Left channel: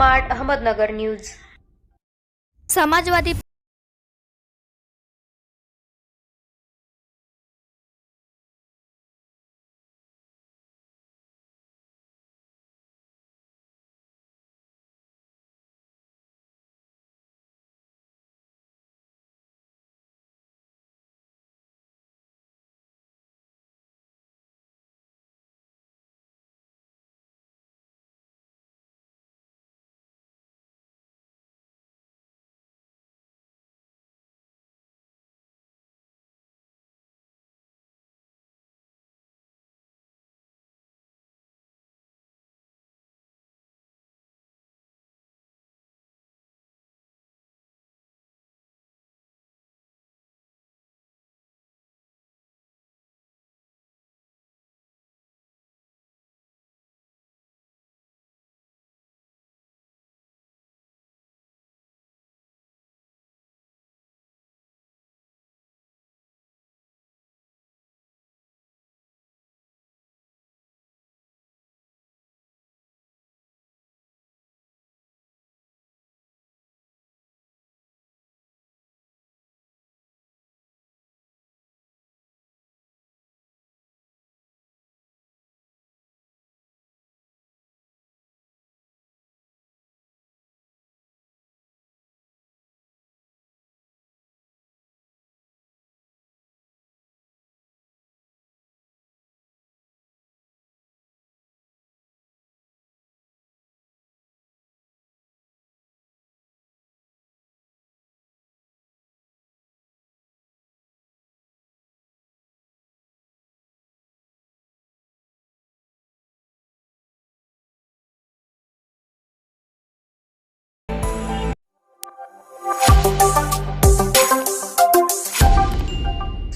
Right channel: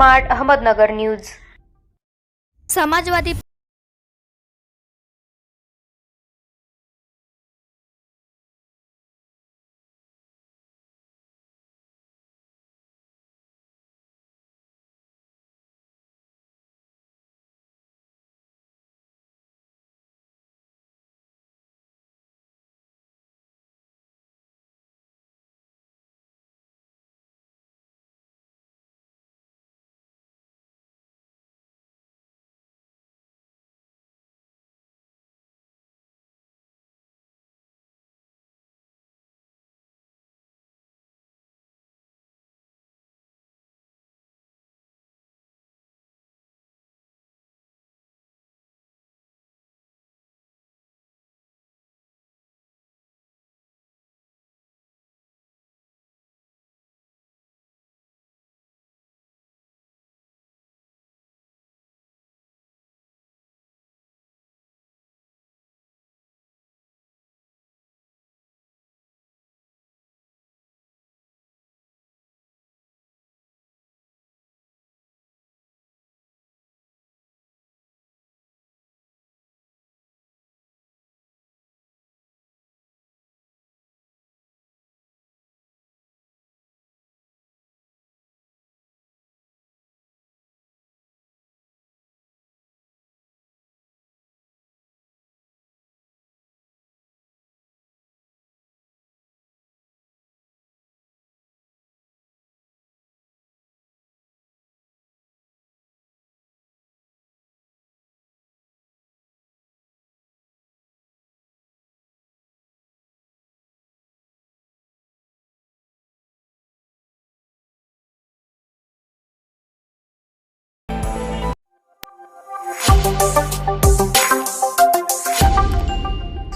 Smart Ahmednagar news. Samajwadi